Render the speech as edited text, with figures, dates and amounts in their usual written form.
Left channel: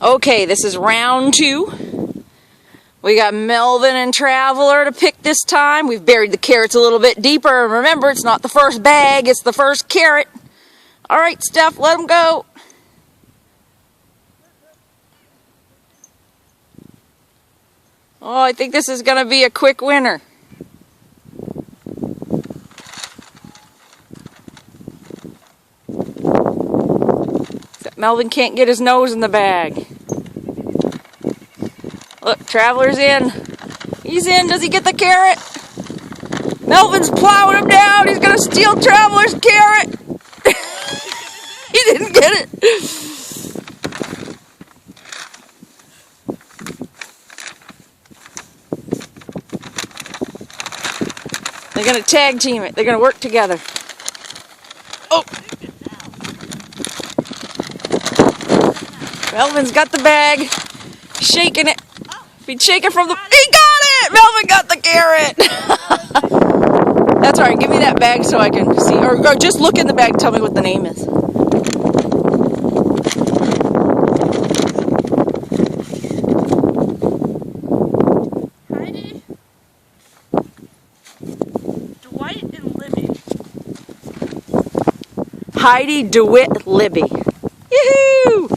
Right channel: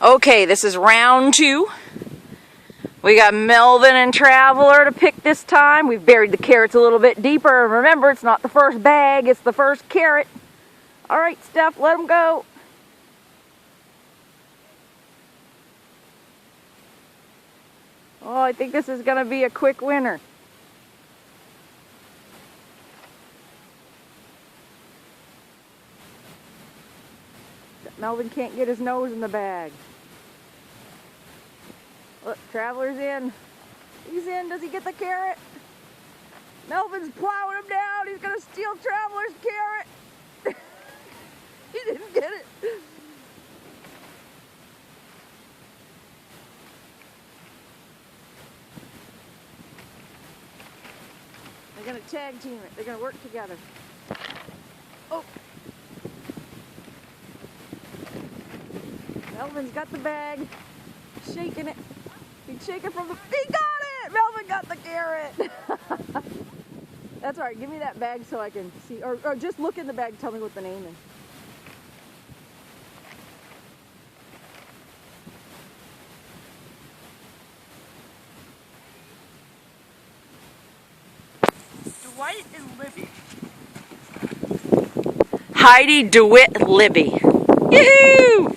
Okay, this is round 2. We got Melvin and Traveler to pick this time. We've buried the carrots a little bit deeper. Remember, it's not the first bag, it's the first carrot. All right, Steph, let them go. Oh, I think this is going to be a quick winner. Melvin can't get his nose in the bag. Look, Traveler's in. He's in. Does he get the carrot? Melvin's plowing him down. He's going to steal Traveler's carrot. He didn't get it. They're going to tag team it. They're going to work together. Oh! Melvin's got the bag. Shaking it. He's shaking from the... He got it! Melvin got the carrot! That's alright. Give me that bag so I can see. Or just look in the bag and tell me what the name is. Heidi DeWitt Libby. Yoo-hoo!